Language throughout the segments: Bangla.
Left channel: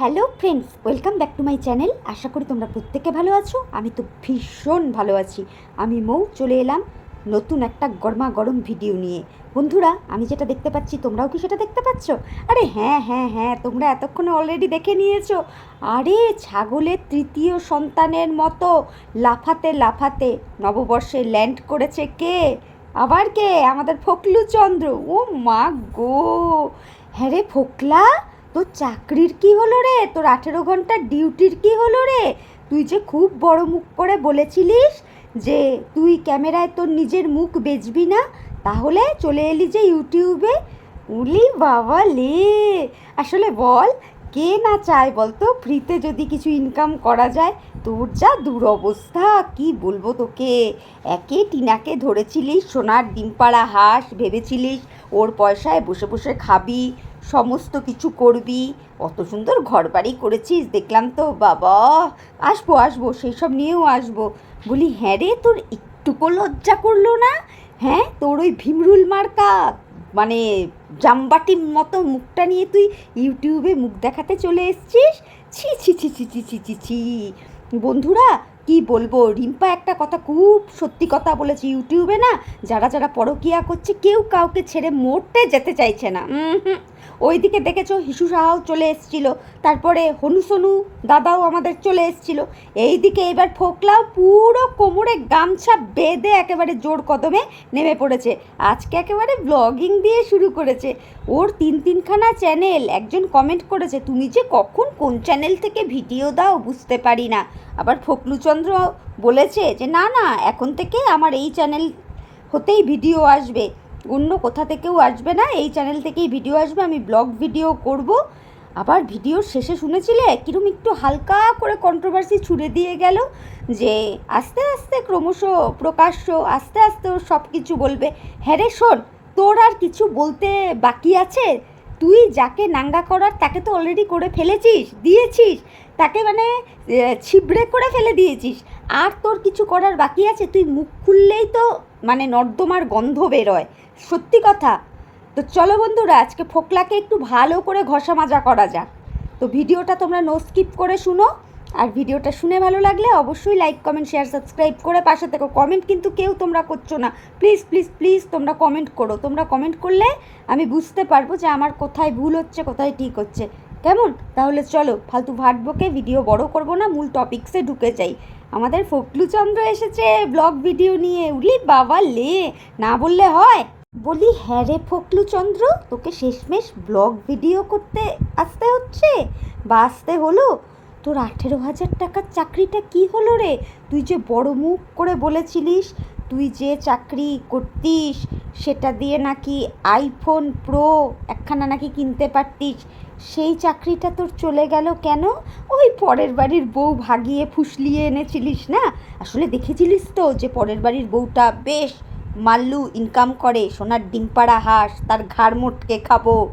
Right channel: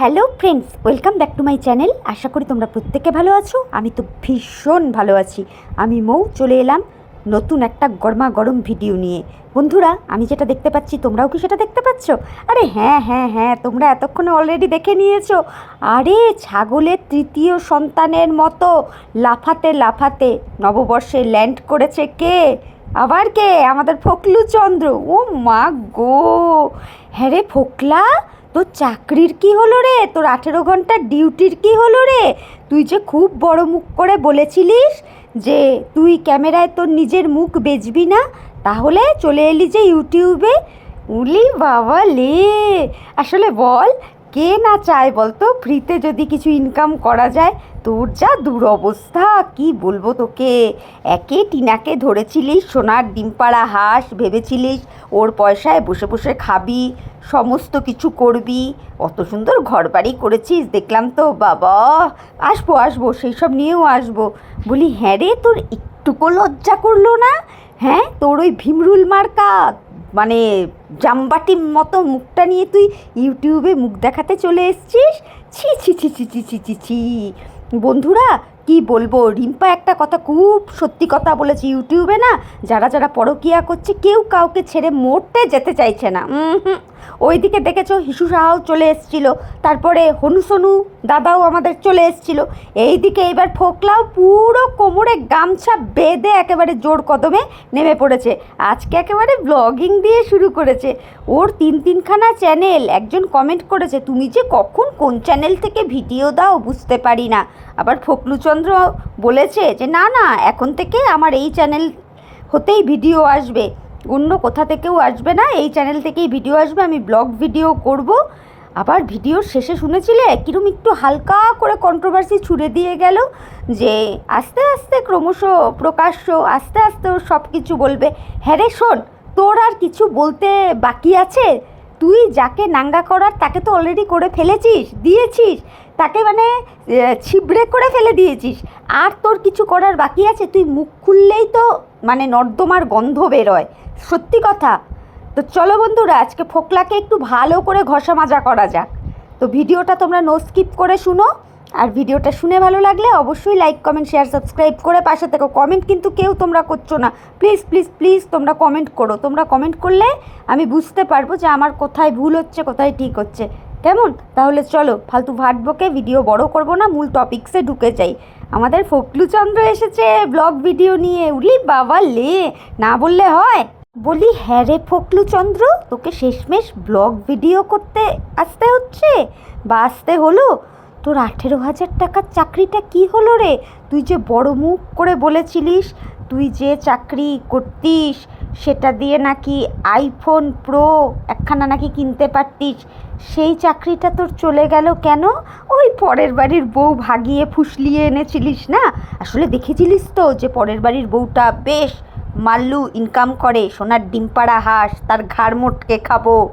Hello friends, welcome back to my channel. আশা করি তোমরা প্রত্যেকে ভালো আছো। আমি তো ভীষণ ভালো আছি। আমি মৌ, চলে এলাম নতুন একটা গরমা গরম ভিডিও নিয়ে। বন্ধুরা, আমি যেটা দেখতে পাচ্ছি, তোমরাও কি সেটা দেখতে পাচ্ছ? আরে হ্যাঁ হ্যাঁ হ্যাঁ তোমরা এতক্ষণে অলরেডি দেখে নিয়েছো। আরে, ছাগলের তৃতীয় সন্তানের মতো লাফাতে লাফাতে নববর্ষে ল্যান্ড করেছে কে? আবার কে? আমাদের ফকলু চন্দ্র ও মা গো! হ্যাঁ রে ফোকলা? তোর চাকরির কি হলো রে? তোর আঠেরো ঘণ্টার ডিউটির কি হলো রে? তুই যে খুব বড় মুখ করে বলেছিলিস যে তুই ক্যামেরায় তোর নিজের মুখ বেচবি না, তাহলে চলে এলি যে ইউটিউবে। উলি বাবা লে! আসলে বল, কে না চায় বলতো? ফ্রিতে যদি কিছু ইনকাম করা যায়, তোর যা দুরবস্থা, কি বলব তোকে? একে টিনাকে ধরেছিলিস, সোনার ডিমপাড়া হাঁস ভেবেছিলিস, ওর পয়সায় বসে বসে খাবি। সমস্ত কিছু করবি। অত সুন্দর ঘর বাড়ি করেছিস, দেখলাম তো, বাবা। আসব আসব সেই সব নিয়েও আসব। বলি হ্যাঁ রে, তোর একটুকু লজ্জা করল না? হ্যাঁ তোর ওই ভীমরুল মার্কা মানে জামবাটির মতো মুখটা নিয়ে তুই ইউটিউবে মুখ দেখাতে চলে এসছিস? ছি ছি ছি ছি ছি ছি ছি ছি। বন্ধুরা কি বলব? রিম্পা একটা কথা খুব সত্যি কথা বলেছে ইউটিউবে না, যারা যারা পরকিয়া করছে, কেউ কাউকে ছেড়ে মোটে যেতে চাইছে না। হুম ওইদিকে দেখেছ হিসু সাহাও চলে এসছিল, তারপরে হনুসনু দাদাও আমাদের চলে এসছিল। এইদিকে এবার ফোকলাও পুরো কোমরে গামছা বেঁধে একেবারে জোর কদমে নেমে পড়েছে। আজকে একেবারে ব্লগিং দিয়ে শুরু করেছে। ওর তিন তিনখানা চ্যানেল একজন কমেন্ট করেছে, তুমি যে কখন কোন চ্যানেল থেকে ভিডিও দাও বুঝতে পারি না। আবার ফকলুচন্দ্র বলেছে যে, না না, এখন থেকে আমার এই চ্যানেল হতেই ভিডিও আসবে। অন্য কোথা থেকেও আসবে না, এই চ্যানেল থেকেই ভিডিও আসবে। আমি ব্লগ ভিডিও করব। আবার ভিডিওর শেষে শুনেছিলে, কিরম একটু হালকা করে কন্ট্রোভার্সি ছুড়ে দিয়ে গেল যে, আস্তে আস্তে ক্রমশ প্রকাশ্য, আস্তে আস্তে সব কিছু বলবে। হ্যাঁ রে, শোন, তোর আর কিছু বলতে বাকি আছে? তুই যাকে নাঙ্গা করার তাকে তো অলরেডি করে ফেলেছিস, দিয়েছিস। তাকে মানে ছিবড়ে করে ফেলে দিয়েছিস। আর তোর কিছু করার বাকি আছে? তুই মুখ খুললেই তো মানে নর্দমার গন্ধ বেরোয়। সত্যি কথা। তো চলো বন্ধুরা, আজকে ফোকলাকে একটু ভালো করে ঘষা মাজা করা যাক। তো ভিডিওটা তোমরা নো স্কিপ করে শুনো। আর ভিডিওটা শুনে ভালো লাগলে অবশ্যই লাইক কমেন্ট শেয়ার সাবস্ক্রাইব করে পাশে থেকো। কমেন্ট কিন্তু কেউ তোমরা করছ না। প্লিজ প্লিজ প্লিজ তোমরা কমেন্ট করো। তোমরা কমেন্ট করলে আমি বুঝতে পারব যে আমার কোথায় ভুল হচ্ছে, কোথায় ঠিক হচ্ছে। কেমন? তাহলে চলো, ফালতু ভাট বকে ভিডিও বড় করব না, মূল টপিকসে ঢুকে যাই। আমাদের ফকলুচন্দ্র এসেছে ব্লগ ভিডিও নিয়ে। উলি বাবা লে, না বললে হয়। বলি হ্যাঁ রে ফকলুচন্দ্র, তোকে শেষমেশ ব্লগ ভিডিও করতে আসতে হচ্ছে? বা আসতে হলো? তোর আঠেরো হাজার টাকার চাকরিটা কি হলো রে? তুই যে বড় মুখ করে বলেছিলিস, তুই যে চাকরি করতিস, সেটা দিয়ে নাকি আইফোন প্রো একখানা নাকি কিনতে পারতিস সেই চাকরিটা তোর চলে গেল কেন? ওই পরের বাড়ির বউ ভাগিয়ে ফুসলিয়ে এনেছিলিস না? আসলে দেখেছিলিস তো যে পরের বাড়ির বউটা বেশ মাল্লু ইনকাম করে, সোনার ডিমপাড়া হাঁস, তার ঘাড় মোটকে খাব।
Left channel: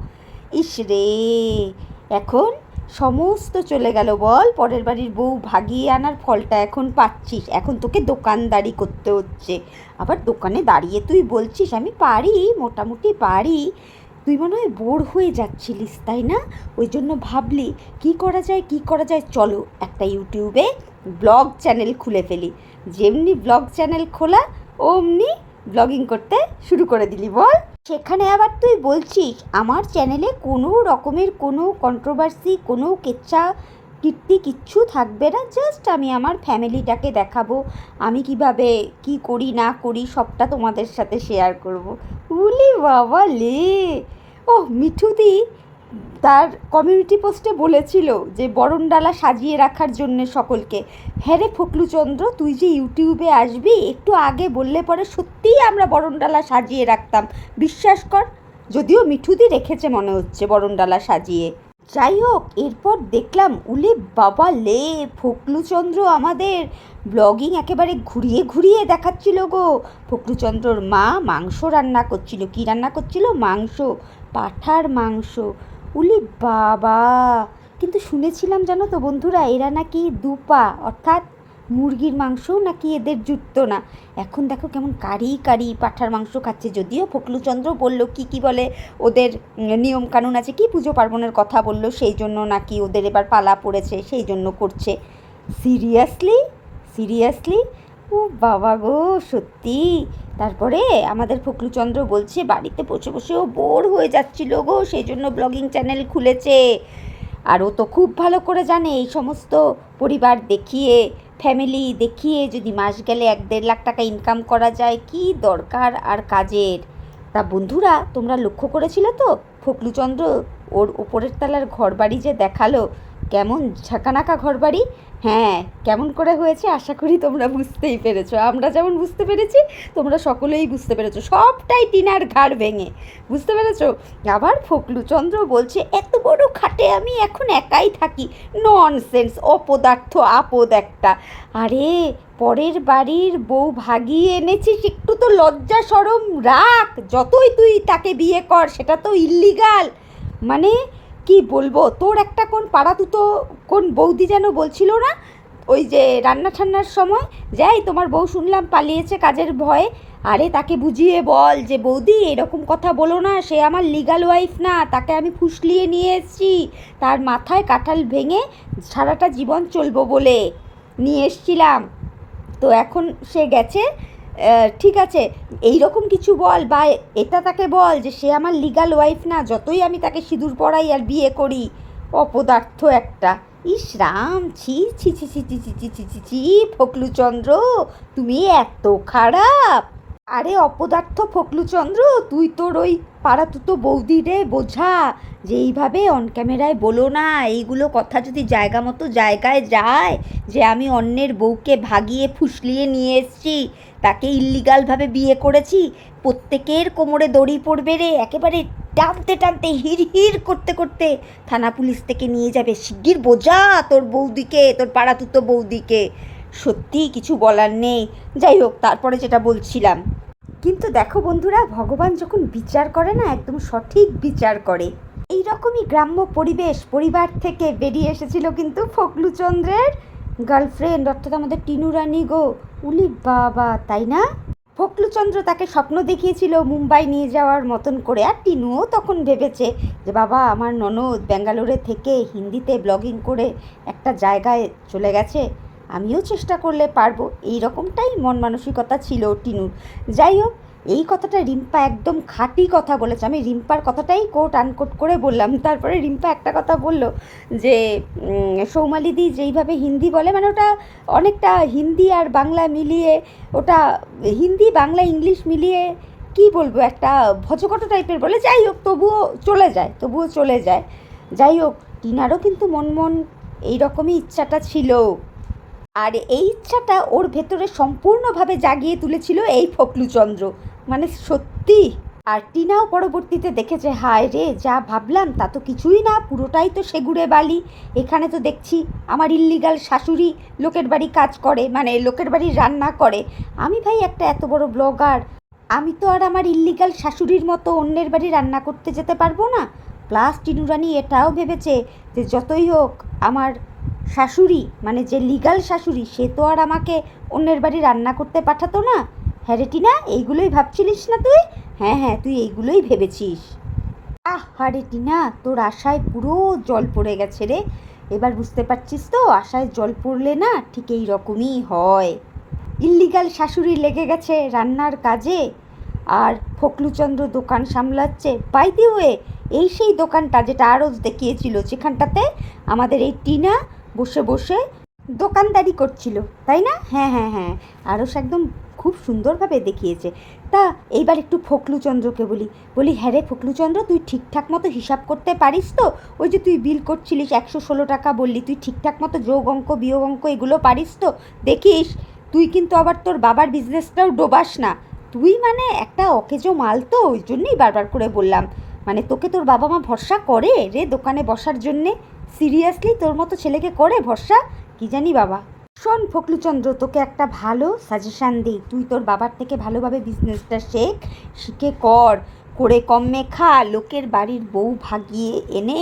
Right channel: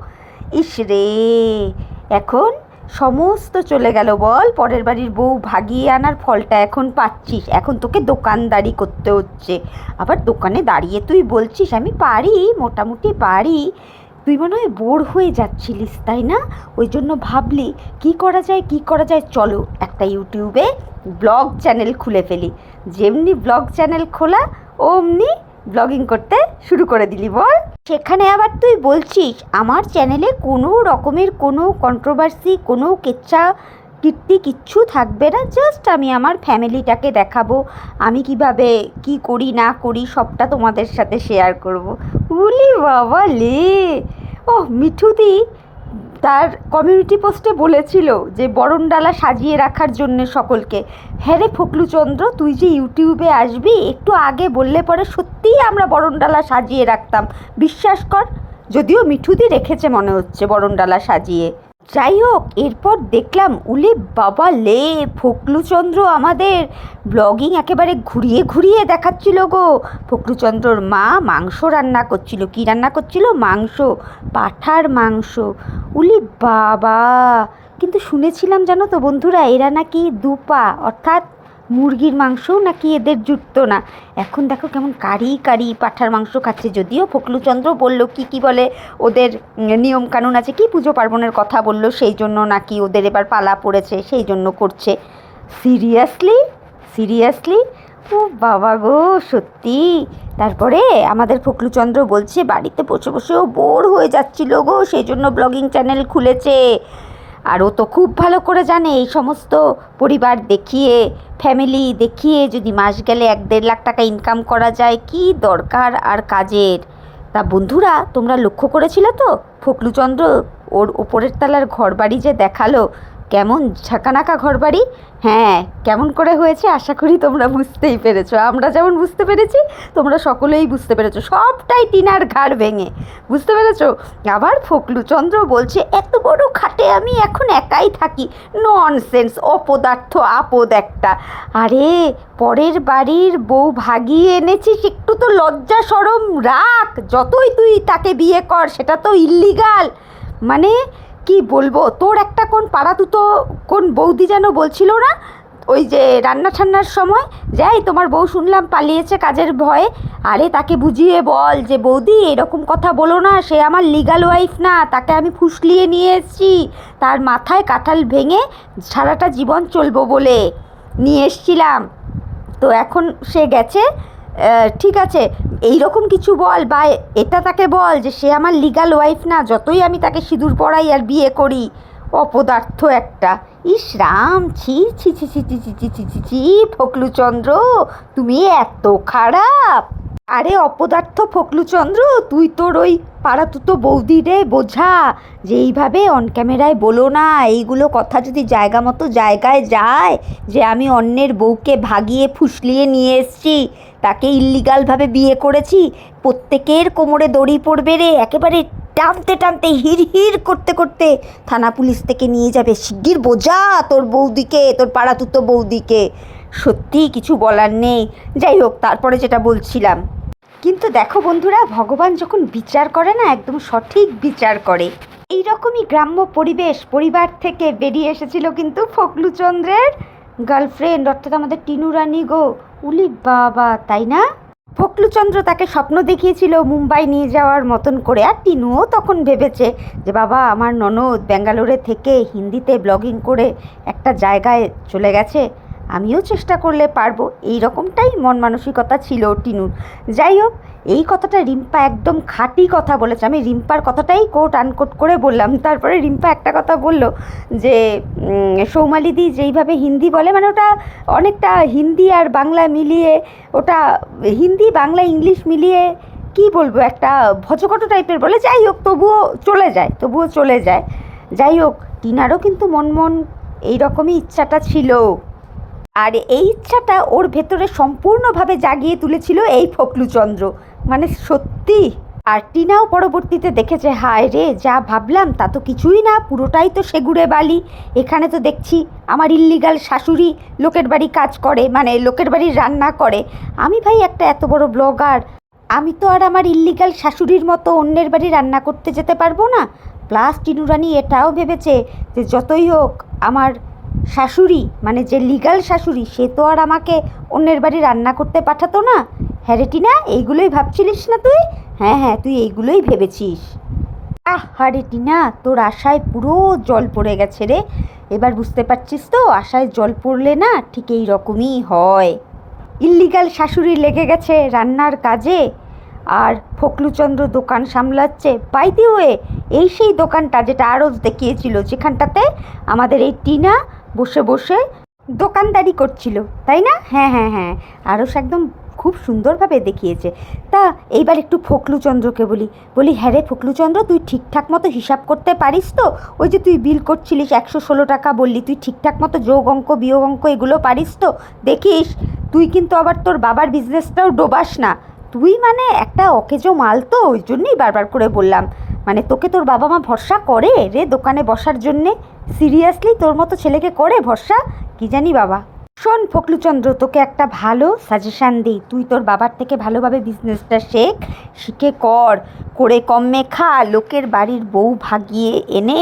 ইস রে! এখন সমস্ত চলে গেল বল, পরের বাড়ির বউ ভাগিয়ে আনার ফলটা এখন পাচ্ছিস। এখন তোকে দোকানদারি করতে হচ্ছে। আবার দোকানে দাঁড়িয়ে তুই বলছিস, আমি পারি, মোটামুটি পারি। তুই মনে হয় বোর হয়ে যাচ্ছিলিস, তাই না? ওই জন্য ভাবলি, কি করা যায়, কি করা যায়? চলো একটা ইউটিউবে ব্লগ চ্যানেল খুলে ফেলি। যেমনি ব্লগ চ্যানেল খোলা, অমনি ব্লগিং করতে শুরু করে দিলি, বল। সেখানে আবার তুই বলছিস, আমার চ্যানেলে কোনো রকমের কোনো কন্ট্রোভার্সি কোনো কেচ্ছা কীর্তি কিচ্ছু থাকবে না জাস্ট আমি আমার ফ্যামিলিটাকে দেখাবো। আমি কীভাবে কি করি, না করি, সবটা তোমাদের সাথে শেয়ার করব। উলি বাবা লে! ও মিঠুদি তার কমিউনিটি পোস্টে বলেছিল যে বরণডালা সাজিয়ে রাখার জন্য সকলকে। হ্যাঁ রে ফকলুচন্দ্র, তুই যে ইউটিউবে আসবি, একটু আগে বললে পরে সত্যিই আমরা বরণডালা সাজিয়ে রাখতাম। বিশ্বাস কর, যদিও মিঠুদি রেখেছে মনে হচ্ছে বরণডালা সাজিয়ে। যাই হোক এরপর দেখলাম উলি বাবা লে, ফকলুচন্দ্র আমাদের ব্লগিং একেবারে ঘুরিয়ে ঘুরিয়ে দেখাচ্ছিল গো। ফকলুচন্দ্রর মা মাংস রান্না করছিল। কি রান্না করছিল? মাংস, পাঠার মাংস। উলি বাবা! কিন্তু শুনেছিলাম জানো তো বন্ধুরা, এরা নাকি দুপা, অর্থাৎ মুরগির মাংসও নাকি এদের জুটতো না? এখন দেখো কেমন কারি কারি পাঠার মাংস খাচ্ছে। যদিও ফকলুচন্দ্র বলল, কি কি বলে ওদের নিয়ম কানুন আছে কি? পুজো পার্বণের কথা বলল, সেই জন্য নাকি ওদের এবার পালা পড়েছে, সেই জন্য করছে। সিরিয়াসলি সিরিয়াসলি ও বাবা গো, সত্যি? তারপরে আমাদের ফকলুচন্দ্র বলছে, বাড়িতে বসে বসেও বোর হয়ে যাচ্ছিল গো, সেই জন্য ব্লগিং চ্যানেল খুলেছে। আর ও তো খুব ভালো করে জানে, এই সমস্ত পরিবার দেখিয়ে ফ্যামিলি দেখিয়ে যদি মাস গেলে এক দেড় লাখ টাকা ইনকাম করা যায়, কি দরকার আর কাজের? তা বন্ধুরা, তোমরা লক্ষ্য করেছিলে তো? ফকলুচন্দ্র ওর ওপরের তলার ঘরবাড়ি যে দেখাল, কেমন ঝাঁকানাকা ঘরবাড়ি? হ্যাঁ কেমন করে হয়েছে আশা করি তোমরা বুঝতেই পেরেছ। আমরা যেমন বুঝতে পেরেছি, তোমরা সকলেই বুঝতে পেরেছ। সবটাই টিনার ঘাড় ভেঙে। বুঝতে পেরেছ? আবার ফকলুচন্দ্র বলছে, এত বড় খাটে আমি এখন একাই থাকি। ননসেন্স অপদার্থ, আপদ একটা। আরে, পরের বাড়ির বউ ভাগিয়ে এনেছিস, একটু তো লজ্জা সরম রাখ। যতই তুই তাকে বিয়ে কর, সেটা তো ইল্লিগাল মানে কি বলব? তোর একটা কোন পাড়া দুটো কোন বৌদি যেন বলছিল না? ওই যে রান্না ঠান্নার সময়? যাই, তোমার বউ শুনলাম পালিয়েছে কাজের ভয়ে। আরে তাকে বুঝিয়ে বল যে, বৌদি, এরকম কথা বলো না, সে আমার লিগাল ওয়াইফ না, তাকে আমি ফুসলিয়ে নিয়ে এসেছি। তার মাথায় কাঁঠাল ভেঙে সারাটা জীবন চলবো বলে নিয়ে এসছিলাম। তো এখন সে গেছে ঠিক আছে এই রকম কিছু বল বা এটা তাকে বল যে সে আমার লিগাল ওয়াইফ না যতই আমি তাকে সিঁদুর পড়াই আর বিয়ে করি অপদার্থ একটা ইস রাম ছি ছি ছি ছি ছি ছি ছি ছি ছি ফকলুচন্দ্র তুমি এত খারাপ আরে অপদার্থ ফকলুচন্দ্র তুই তোর ওই পাড়া তুতো বৌদি রে বোঝা যে এইভাবে অন ক্যামেরায় বলো না এইগুলো কথা যদি জায়গা মতো জায়গায় যায় যে আমি অন্যের বউকে ভাগিয়ে ফুসলিয়ে নিয়ে এসছি তাকে ইল্লিগালভাবে বিয়ে করেছি। প্রত্যেকের কোমরে দড়ি পড়বে রে, একেবারে টানতে টানতে হির হির করতে করতে থানা পুলিশ থেকে নিয়ে যাবে। শিগগির বোঝা তোর বৌদিকে, তোর পাড়া তুতো বৌদিকে। সত্যি কিছু বলার নেই। যাই হোক, তারপরে যেটা বলছিলাম। কিন্তু দেখো বন্ধুরা, ভগবান যখন বিচার করে না, একদম সঠিক বিচার করে। এই রকমই গ্রাম্য পরিবেশ পরিবার থেকে বেরিয়ে এসেছিল কিন্তু ফকলুচন্দ্রের। গার্লফ্রেন্ড অর্থাৎ আমাদের টিনু রানী গো। উলি বাবা, তাই না? ফকলুচন্দ্র তাকে স্বপ্ন দেখিয়েছিল মুম্বাই নিয়ে যাওয়ার মতন করে, আর টিনুও তখন ভেবেছে যে, বাবা, আমার ননদ ব্যাঙ্গালোরে থেকে হিন্দিতে ব্লগিং করে একটা জায়গায় চলে গেছে। আমিও চেষ্টা করলে পারব। এই রকমটাই মন মানসিকতা ছিল টিনুর। যাই হোক এই কথাটা রিম্পা একদম খাঁটি কথা বলেছে। আমি রিম্পার কথাটাই কোট আনকোট করে বললাম। তারপরে রিম্পা একটা কথা বলল যে সৌমালিদি যেইভাবে হিন্দি বলে মানে ওটা অনেকটা হিন্দি আর বাংলা মিলিয়ে, ওটা হিন্দি, বাংলা, ইংলিশ মিলিয়ে কি বলব, একটা ভজকট টাইপের বলে। যাই হোক, তবুও চলে যায়, তবুও চলে যায়। যাই হোক, টিনারও কিন্তু মন মন এইরকমই ইচ্ছাটা ছিল। আর এই ইচ্ছাটা ওর ভেতরে সম্পূর্ণভাবে জাগিয়ে তুলেছিল এই ফকলুচন্দ্র মানে সত্যি? আর টিনাও পরবর্তীতে দেখেছে, হায় রে, যা ভাবলাম তা তো কিছুই না, পুরোটাই তো সেগুড়ে বালি। এখানে তো দেখছি আমার ইল্লিগাল শাশুড়ি লোকের বাড়ি কাজ করে মানে লোকের বাড়ি রান্না করে। আমি ভাই একটা এত বড় ব্লগার, আমি তো আর আমার ইল্লিগাল শাশুড়ির মতো অন্যের বাড়ি রান্না করতে যেতে পারব না। প্লাস টিনুরানি এটাও ভেবেছে যে যতই হোক, আমার শাশুড়ি মানে যে লিগাল শাশুড়ি, সে তো আর আমাকে অন্যের বাড়ি রান্না করতে পাঠাতো না। হ্যাঁ রে টিনা, এইগুলোই ভাবছিলিস না তুই? হ্যাঁ হ্যাঁ তুই এইগুলোই ভেবেছিস। আহ হারে টিনা, তোর আশায় পুরো জল পড়ে গেছে রে। এবার বুঝতে পারছিস তো, আশায় জল পড়লে না ঠিক এই রকমই হয়। ইল্লিগাল শাশুড়ি লেগে গেছে রান্নার কাজে। আর ফকলুচন্দ্র দোকান সামলাচ্ছে। বাই হয়ে এই সেই দোকানটা যেটা আরও দেখিয়েছিল, যেখানটাতে আমাদের এই টিনা বসে বসে দোকানদারি করছিল, তাই না? হ্যাঁ হ্যাঁ হ্যাঁ। আরও একদম খুব সুন্দরভাবে দেখিয়েছে। তা এইবার একটু ফকলুচন্দ্রকে বলি বলি হ্যাঁ রে ফকলুচন্দ্র, তুই ঠিকঠাক মতো হিসাব করতে পারিস তো? ওই যে তুই বিল করছিলিস, একশো ষোলো টাকা বললি, তুই ঠিকঠাক মতো যোগ অঙ্ক, বিয়োগ অঙ্ক এগুলো পারিস তো? দেখিস, তুই কিন্তু আবার তোর বাবার বিজনেসটাও ডোবাস না। তুই মানে একটা অকেজো মাল তো, ওই জন্যই বারবার করে বললাম। মানে তোকে তোর বাবা মা ভরসা করে রে দোকানে বসার জন্যে? সিরিয়াসলি তোর মতো ছেলেকে করে ভরসা? কি জানি বাবা। শোন ফকলুচন্দ্র তোকে একটা ভালো সাজেশান দিই। তুই তোর বাবার থেকে ভালোভাবে বিজনেসটা শেখ, শিখে কর। করে কমে খা লোকের বাড়ির বউ ভাগিয়ে এনে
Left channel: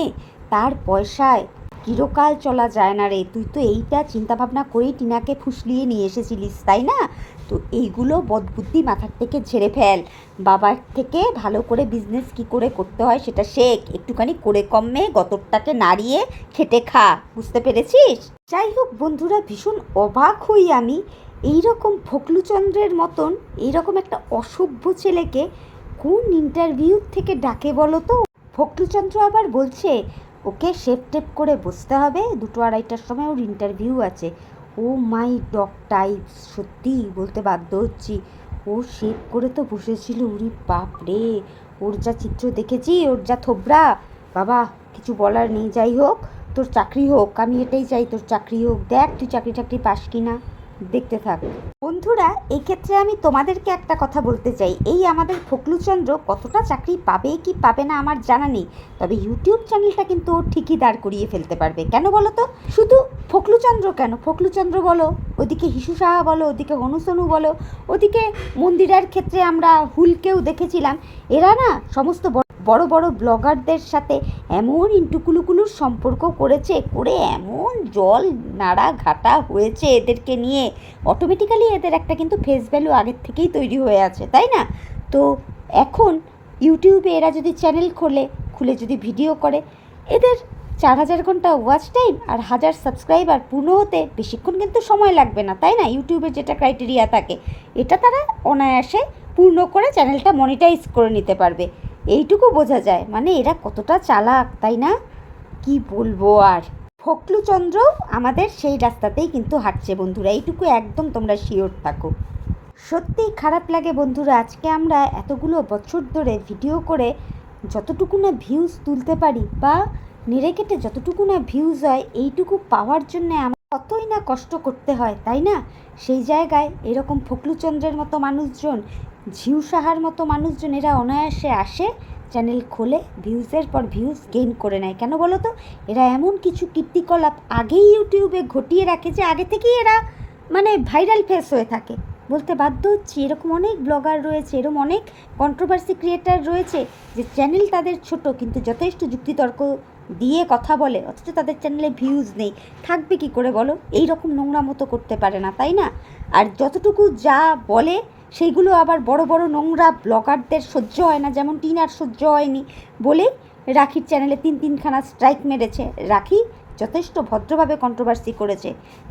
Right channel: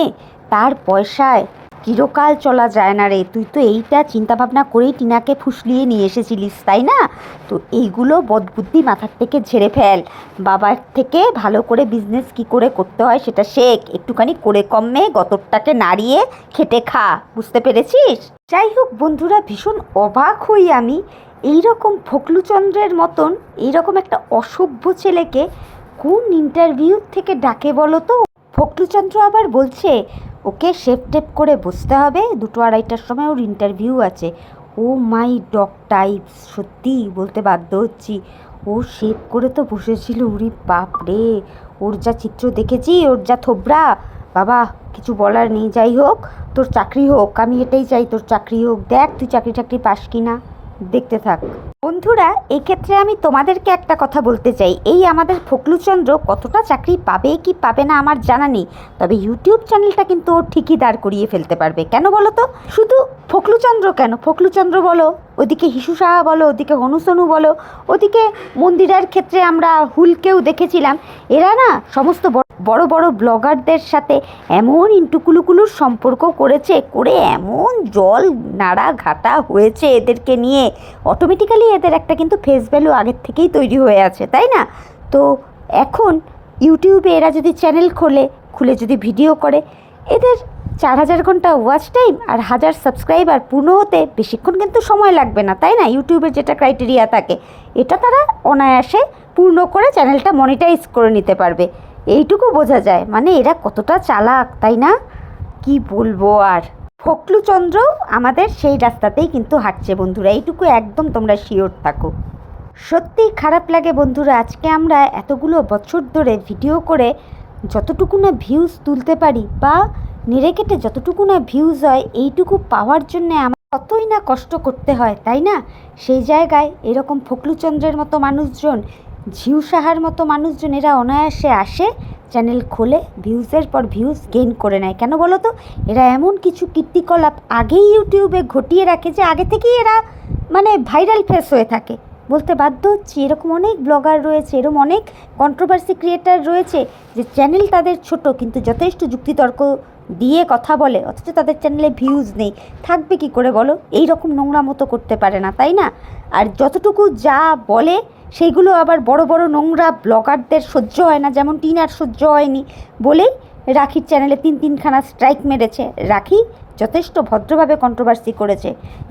তার পয়সায় চিরকাল চলা যায় না রে। তুই তো এইটা চিন্তা ভাবনা করেই টিনাকে ফুসলিয়ে নিয়ে এসেছিলিস, তাই না? তো এইগুলো বদবুদ্ধি মাথার থেকে ঝেড়ে ফেল। বাবার থেকে ভালো করে বিজনেস কি করে করতে হয় সেটা শেখ। একটুখানি করে কমে গতরটাকে নাড়িয়ে খেটে খা। বুঝতে পেরেছিস? যাই হোক বন্ধুরা, ভীষণ অবাক হই আমি। এইরকম ফকলুচন্দ্রের মতন এইরকম একটা অসভ্য ছেলেকে কোন ইন্টারভিউ থেকে ডাকে বলো তো? ফকলুচন্দ্র আবার বলছে ওকে শেপ টেপ করে বসতে হবে। দুটো আড়াইটার সময় ওর ইন্টারভিউ আছে। ও মাই ডগ টাইপ সত্যি বলতে বাধ্য হচ্ছি। ও শেপ করে তো বসেছিল, উরি বাপ রে ওর যা চিত্র দেখেছি, ওর যা থোবরা, বাবা, কিছু বলার নেই। যাই হোক, তোর চাকরি হোক, আমি এটাই চাই, তোর চাকরি হোক। দেখ, তুই চাকরি টাকরি পাস কি না দেখতে থাক। বন্ধুরা এই ক্ষেত্রে আমি তোমাদেরকে একটা কথা বলতে চাই। এই আমাদের ফকলুচন্দ্র কতটা চাকরি পাবে কি পাবে না আমার জানা নেই। তবে ইউটিউব চ্যানেলটা কিন্তু ও ঠিকই দাঁড় করিয়ে ফেলতে পারবে। কেন বলো তো? শুধু ফকলুচন্দ্র কেন? ফকলুচন্দ্র বলো, ওদিকে হিসু সাহা বলো, ওদিকে হনুসনু বলো, ওদিকে মন্দিরার ক্ষেত্রে আমরা হুলকেও দেখেছিলাম। এরা না সমস্ত বড় বড় ব্লগারদের সাথে এমন ইন্টুকুলুকুলুর সম্পর্ক করেছে, করে এমন জল নাড়া ঘাটা হয়েছে এদেরকে নিয়ে। অটোমেটিক্যালি এদের একটা কিন্তু ফেস ভ্যালু আগের থেকেই তৈরি হয়ে আছে, তাই না? তো এখন ইউটিউবে এরা যদি চ্যানেল খোলে, খুলে যদি ভিডিও করে, এদের চার হাজার ঘণ্টা ওয়াচ টাইম আর হাজার সাবস্ক্রাইবার পূর্ণ হতে বেশিক্ষণ কিন্তু সময় লাগবে না, তাই না? ইউটিউবের যেটা ক্রাইটেরিয়া থাকে, এটা তারা অনায়াসে পূর্ণ করে চ্যানেলটা মনিটাইজ করে নিতে পারবে। এইটুকু বোঝা যায়। মানে এরা কতটা চালাক, তাই না? কি বলব আর? ফকলুচন্দ্র আমাদের সেই রাস্তাতেই কিন্তু হাঁটছে বন্ধুরা। এইটুকু একদম তোমরা শিওর থাকো। সত্যিই খারাপ লাগে বন্ধুরা, আজকে আমরা এতগুলো বছর ধরে ভিডিও করে যতটুকু না ভিউজ তুলতে পারি বা নেড়ে কেটে যতটুকু না ভিউজ হয়, এইটুকু পাওয়ার জন্যে আমার কতই না কষ্ট করতে হয়, তাই না? সেই জায়গায় এরকম ফকলুচন্দ্রের মতো মানুষজন ঝিউ সাহার মতো মানুষজন এরা অনায়াসে আসে, চ্যানেল খোলে, ভিউজের পর ভিউজ গেইন করে নেয়। কেন বলো তো? এরা এমন কিছু কীর্তিকলাপ আগেই ইউটিউবে ঘটিয়ে রাখে যে আগে থেকেই এরা মানে ভাইরাল ফেস হয়ে থাকে। বলতে বাধ্য হচ্ছি, এরকম অনেক ব্লগার রয়েছে, এরকম অনেক কন্ট্রোভার্সি ক্রিয়েটার রয়েছে যে চ্যানেল তাদের ছোট কিন্তু যথেষ্ট যুক্তিতর্ক দিয়ে কথা বলে, অথচ তাদের চ্যানেলে ভিউজ নেই। থাকবে কি করে বলো? এই রকম নোংরা মতো করতে পারে না, তাই না? আর যতটুকু যা বলে সেইগুলো আবার বড় বড় নোংরা ব্লগারদের সহ্য হয় না, যেমন টিনার সহ্য হয়নি বলেই রাখির চ্যানেলে তিন তিনখানা স্ট্রাইক মেরেছে। রাখি যথেষ্ট ভদ্রভাবে কন্ট্রোভার্সি করেছে।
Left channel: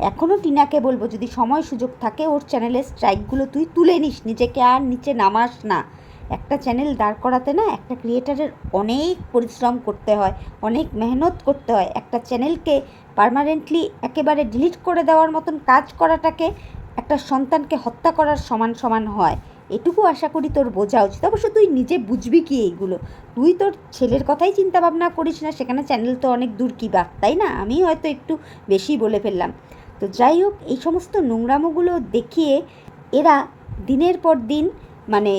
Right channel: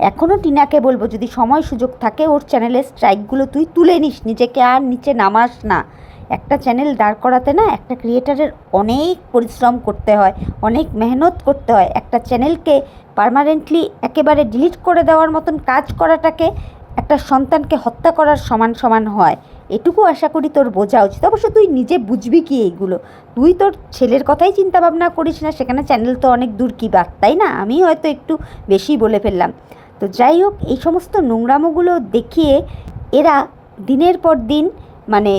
এখনও টিনাকে বলব, যদি সময় সুযোগ থাকে, ওর চ্যানেলের স্ট্রাইকগুলো তুই তুলে নিস, নিজেকে আর নিচে নামাস না। একটা চ্যানেল দাঁড় করাতে না একটা ক্রিয়েটারের অনেক পরিশ্রম করতে হয়, অনেক মেহনত করতে হয়। একটা চ্যানেলকে পার্মানেন্টলি একেবারে ডিলিট করে দেওয়ার মতন কাজ করাটাকে একটা সন্তানকে হত্যা করার সমান সমান হয়। এটুকু আশা করি তোর বোঝা উচিত। অবশ্য তুই নিজে বুঝবি কি এইগুলো। তুই তোর ছেলের কথাই চিন্তা ভাবনা করিস না, সেখানে চ্যানেল তো অনেক দূর কি বাদ তাই না? আমি হয়তো একটু বেশি বলে ফেললাম। তো যাই হোক, এই সমস্ত নোংরামোগুলো দেখিয়ে এরা দিনের পর দিন মানে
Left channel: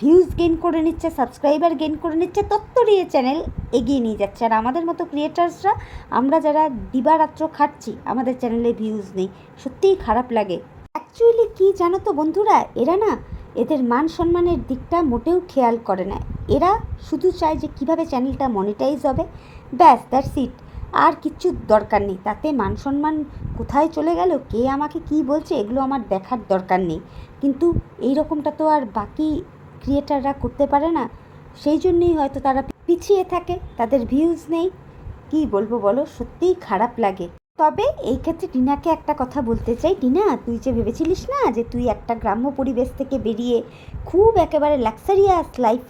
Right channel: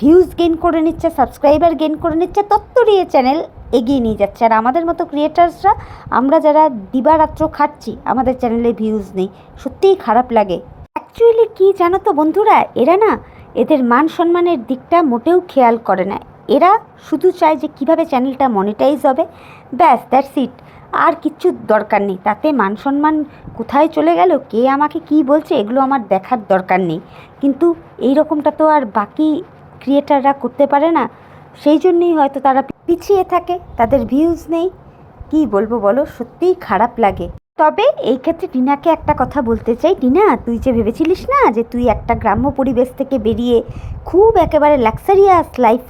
ভিউজ গেইন করে নিচ্ছে সাবস্ক্রাইবার গেইন করে নিচ্ছে তত্তরিয়ে চ্যানেল এগিয়ে নিয়ে যাচ্ছে। আর আমাদের মতো ক্রিয়েটার্সরা আমরা যারা দিবারাত্র খাচ্ছি আমাদের চ্যানেলে ভিউজ নেই। সত্যিই খারাপ লাগে। অ্যাকচুয়ালি কি জানো তো বন্ধুরা? এরা না এদের মান সম্মানের দিকটা মোটেও খেয়াল করে না। এরা শুধু চায় যে কীভাবে চ্যানেলটা মনিটাইজ হবে। ব্যাস দ্যাটস ইট আর কিচ্ছু দরকার নেই। তাতে মান সম্মান কোথায় চলে গেল? কে আমাকে কি বলছে? এগুলো আমার দেখার দরকার নেই। কিন্তু এই রকমটা তো আর বাকি ক্রিয়েটাররা করতে পারে না। সেই জন্যই হয়তো তারা পিছিয়ে থাকে। তাদের ভিউজ নেই। কি বলব বলো? সত্যিই খারাপ লাগে। তবে এই ক্ষেত্রে টিনাকে একটা কথা বলতে চাই। টিনা, তুই যে ভেবেছিলিস না যে তুই একটা গ্রাম্য পরিবেশ থেকে বেরিয়ে খুব একেবারে লাক্সারিয়াস লাইফ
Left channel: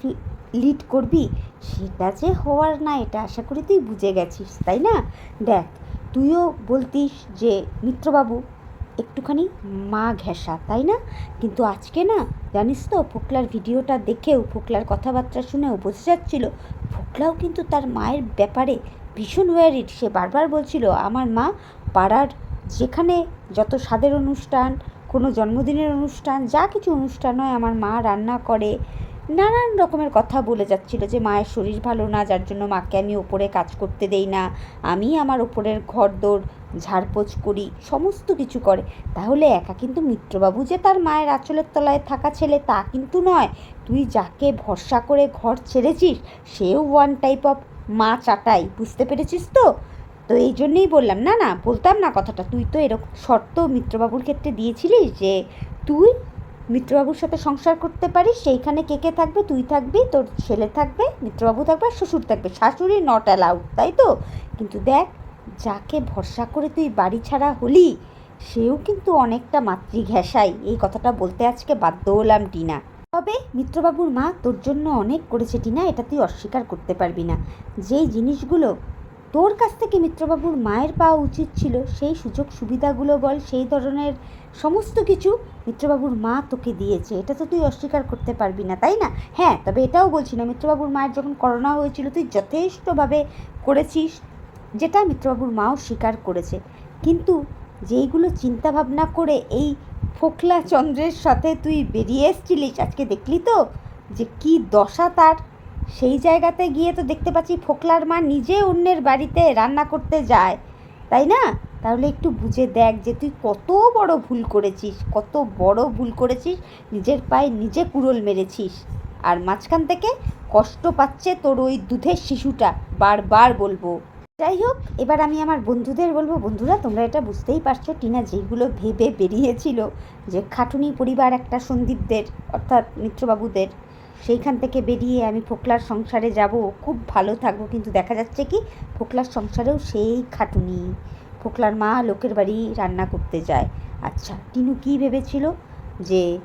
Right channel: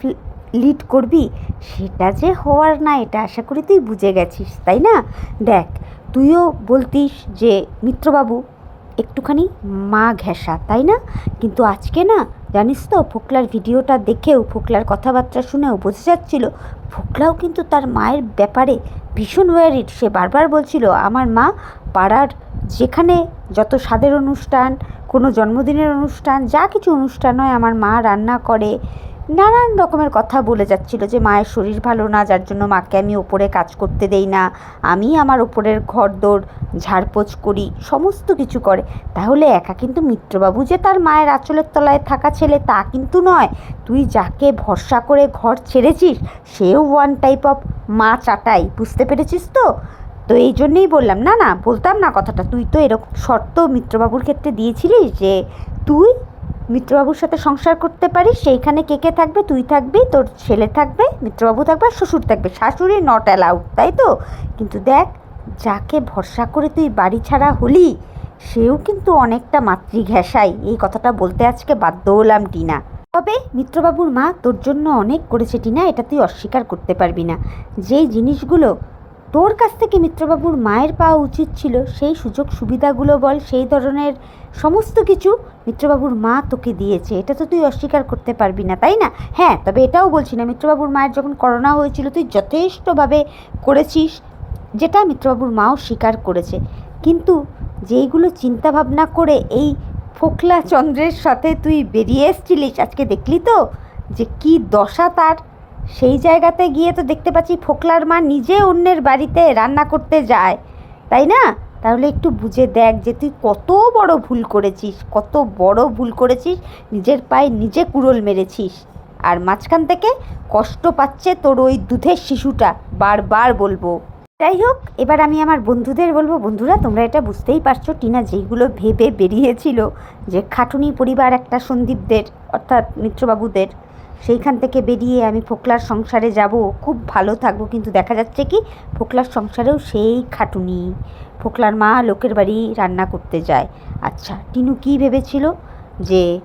লিড করবি? সেটা যে হওয়ার না, এটা আশা করি তুই বুঝে গেছিস, তাই না? দেখ, তুইও বলতিস যে মিত্রবাবু একটুখানি মা ঘেঁষা, তাই না? কিন্তু আজকে না, জানিস তো, ফোকলার ভিডিওটা দেখেও, ফোকলার কথাবার্তা শুনেও বোঝা যাচ্ছিল, ফোকলাও কিন্তু তার মায়ের ব্যাপারে ভীষণ ওয়ারিড সে বারবার বলছিল, আমার মা পাড়ার যেখানে যত স্বাদের অনুষ্ঠান, কোনো জন্মদিনের অনুষ্ঠান, যা কিছু অনুষ্ঠান হয়, আমার মা রান্না করে নানান রকমের কথা বলে যাচ্ছিল যে মায়ের শরীর ভালো না, যার জন্য মাকে আমি ওপরে কাজ করতে দেই না। আমি আমার ওপরের ঘর দৌড় ঝাড়পোছ করি, সমস্ত কিছু করে। তাহলে একা কিন্তু মিত্রবাবু যে তার মায়ের আঁচলের তলায় থাকা ছেলে তা কিন্তু নয়। তুই যাকে ভরসা করে ঘর ছেড়েছিস, সেও ওয়ান টাইপ অফ মা চাটাই, বুঝতে পেরেছিস তো? তো এই জন্যেই বললাম, না না, বলতাম না কথাটা। তুই তো এরকম শর্ত মিত্রবাবুর ক্ষেত্রে দিয়েছিলিস যে তুই মিত্রবাবুর সাথে সংসার করতে পারিস, সেইখানে কে কে থাকবে? তুই থাকবি, তোর ছেলে থাকবে, মিত্রবাবু থাকবে আর শ্বশুর থাকবে। শাশুড়ি নট অ্যালাউড তাই তো? কিন্তু দেখ, যাকে ভরসা করে তুই বাড়ি ছাড়া হলি, সেও কিন্তু অনেকটা মাতৃঘেঁষাই। এই কথাটা বলতে আজকে বাধ্য হলাম টিনা। তবে মিত্রবাবুর মা তোর জন্য অনেক করেছে টিনা, এটা তুই অস্বীকার করতে পারবি না। যেই জিনিসগুলো তোর কাছ থেকে মিত্রবাবুর মায়ের পাওয়া উচিত ছিল সেই সুযোগ সুবিধাগুলো বল, সেই ধরনের সমস্ত কিছু মিত্রবাবুর মা তোকে দিয়েছে। এটা তো তুই অস্বীকার করতে পারবি না, তাই না? হ্যাঁ তবে এটাও বলছি না, মিত্রবাবুর মায়ের যখন করোনা হয়েছিল, তুই যথেষ্টভাবে করেছিস, যেটা মিত্রবাবুর মাও স্বীকার করেছে। কিন্তু যেইগুলো চিন্তা ভাবনা করে এই ফোকলা চন্দ্রের সাথে তুই বেরিয়ে এসছিলিস আজকে দেখলি তো, যে কি দশা তার? সেই জায়গাতে গিয়ে তো দেখতে পাচ্ছি ফোকলার মা নিজে অন্যের বাড়িতে রান্না করতে যায়। তাই না? তাহলে একটু বুঝে দেখ যে তুই কত বড় ভুল করেছিস, কত বড় ভুল করেছিস, নিজের পায়ে নিজে কুড়োল মেরেছিস। আর মাঝখান থেকে কষ্ট পাচ্ছে তোর ওই দুধের শিশুটা, বারবার বলব। যাই হোক, এবার আমি আমার বন্ধুদের বলব, বন্ধুরা, তোমরা এটা বুঝতেই পারছ টিনা যেইগুলো ভেবে বেরিয়েছিল যে খাটুনি পরিবার একটা সন্দীপদের, অর্থাৎ মিত্রবাবুদের। সেইখান থেকে বেরিয়ে আমি ফোকলার সংসারে যাব, খুব ভালো থাকব। কিন্তু দেখা যাচ্ছে কি, ফোকলার সংসারেও সেই খাটুনি। ফোকলার মা লোকের বাড়ি রান্না করতে যায়। আচ্ছা টিনু কি ভেবেছিল? যে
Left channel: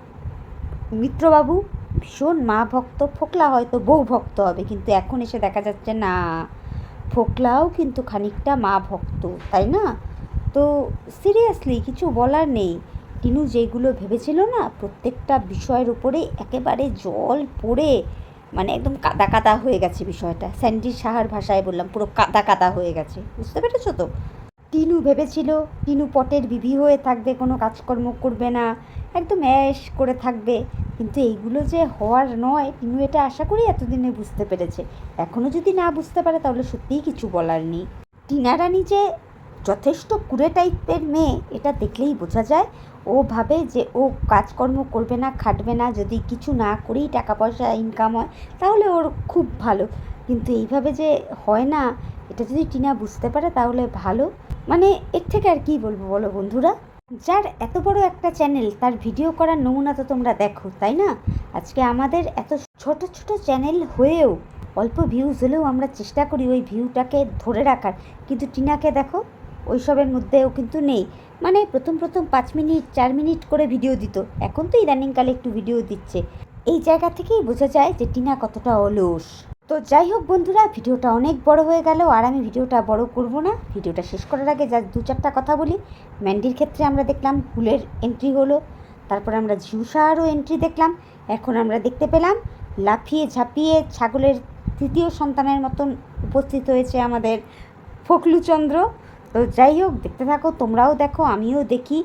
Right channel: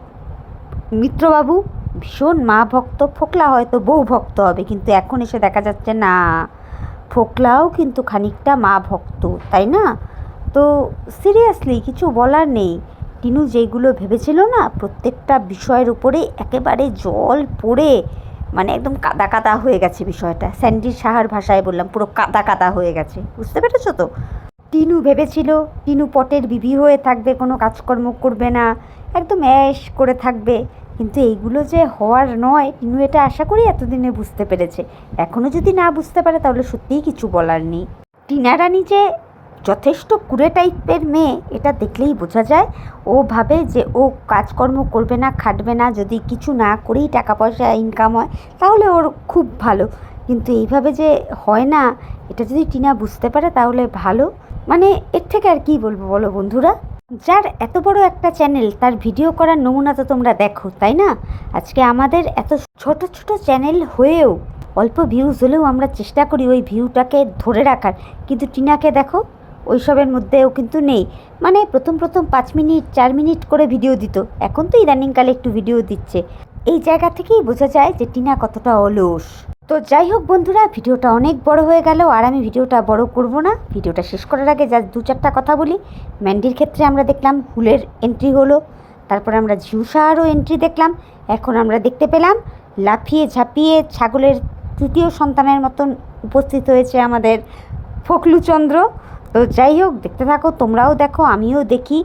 মিত্রবাবু ভীষণ মা ভক্ত, ফোকলা হয়তো বউ ভক্ত হবে, কিন্তু এখন এসে দেখা যাচ্ছে না। ফোকলাও কিন্তু খানিকটা মা ভক্ত, তাই না? তো সিরিয়াসলি কিছু বলার নেই। টিনু যেইগুলো ভেবেছিল না, প্রত্যেকটা বিষয়ের উপরে একেবারে জল পড়ে মানে একদম কাদা কাদা হয়ে গেছে বিষয়টা। স্যান্ডি সাহার ভাষায় বললাম, পুরো কাদা কাদা হয়ে গেছে। বুঝতে পেরেছ তো? টিনু ভেবেছিল, টিনু পটের বিবি হয়ে থাকবে, কোনো কাজকর্ম করবে না, একদম অ্যাশ করে থাকবে। কিন্তু এইগুলো যে হওয়ার নয়, টিনু এটা আশা করি এতদিনে বুঝতে পেরেছে। এখনও যদি না বুঝতে পারে, তাহলে সত্যিই কিছু বলার নেই। টিনা রানী যে যথেষ্ট কুড়ে টাইপের মেয়ে, এটা দেখলেই বোঝা যায়। ও ভাবে যে ও কাজকর্ম করবে না, খাটবে না, যদি কিছু না করেই টাকা পয়সা ইনকাম হয়, তাহলে ওর খুব ভালো। কিন্তু এইভাবে যে হয় না, এটা যদি টিনা বুঝতে পারে তাহলে ভালো। মানে এর থেকে আর কি বলব বলো বন্ধুরা? যার এত বড় একটা চ্যানেল তার ভিডিও করার নমুনা তো তোমরা দেখো, তাই না? আজকে আমাদের এত ছোট ছোট চ্যানেল হয়েও অল্প ভিউজ হলেও আমরা চেষ্টা করি ওই ভিউটাকে ধরে রাখার। কিন্তু টিনাকে দেখো ওইসবের মধ্যেও কিন্তু নেই। মানে প্রথম প্রথম পাঁচ মিনিট, চার মিনিট করে ভিডিও দিত। এখন তো ইদানিংকালে একটু ভিডিও দিচ্ছে। এই জায়গা থেকেই বোঝা যায় যে টিনা কতটা অলস। তো যাই হোক বন্ধুরা, ভিডিওটা অনেক বড় হয়ে গেল আর আমি ভিডিওটা বড় করব না। ভিডিওটা শেষ করার আগে যা দু চারটা কথা বলি। ম্যান্ডির ক্ষেত্রে আমরা দেখলাম হুলের এন্ট্রি হলো, তারপর আমরা ঝিউসাহারও এন্ট্রি দেখলাম। এখন আমরা দেখতে পেলাম লাফিয়ে ঝাঁপিয়ে ছাগলের তৃতীয় সন্তানের মতন উপস্থিত হয়েছে আমাদের ফকলুচন্দ্র। তো যাই হোক, দেখতে থাকো, তোমরাও দেখো, আমিও দেখি।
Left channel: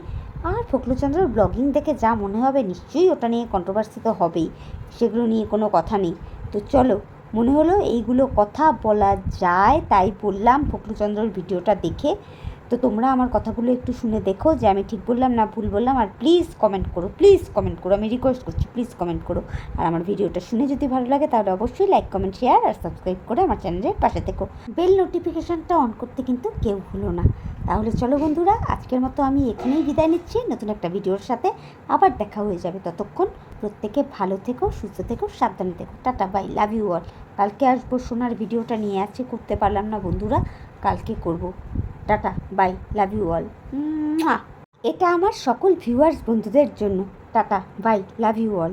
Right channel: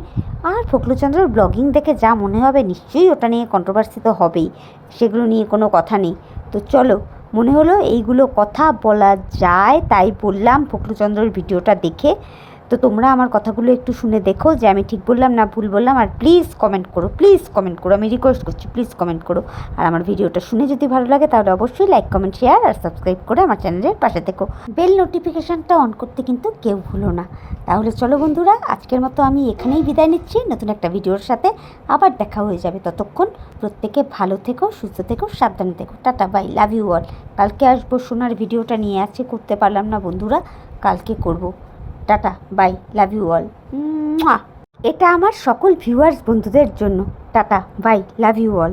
আর ফকলুচন্দ্রর ব্লগিং দেখে যা মনে হবে, নিশ্চয়ই ওটা নিয়ে কন্ট্রোভার্সি তো হবেই। সেগুলো নিয়ে কোনো কথা নেই। তো চলো, মনে হলো এইগুলো কথা বলা যায়, তাই বললাম ফকলুচন্দ্রর ভিডিওটা দেখে। তো তোমরা আমার কথাগুলো একটু শুনে দেখো যে আমি ঠিক বললাম না ভুল বললাম, আর প্লিজ কমেন্ট করো প্লিজ কমেন্ট করো। আমি রিকোয়েস্ট করছি প্লিজ কমেন্ট করো। আর আমার ভিডিওটা শুনে যদি ভালো লাগে তাহলে অবশ্যই লাইক কমেন্ট শেয়ার আর সাবস্ক্রাইব করে আমার চ্যানেলের পাশে থেকো। বেল নোটিফিকেশানটা অন করতে কিন্তু কেউ ভুলো না। তাহলে চলো বন্ধুরা, আজকের মতো আমি এখানেই বিদায় নিচ্ছি। নতুন একটা ভিডিওর সাথে আবার দেখা হয়ে যাবে ততক্ষণ। প্রত্যেকে ভালো থেকো, সুস্থ থেকো, সাবধানে থেকো। Tata bye love you all কালকে আসব সোনার ভিডিওটা নিয়ে, আজকে করতে পারলাম না বন্ধুরা, কালকে করব। Tata, bye, love you all. এটা আমার সকল ভিউয়ার্স বন্ধুদের জন্য। Tata, bye, love you all.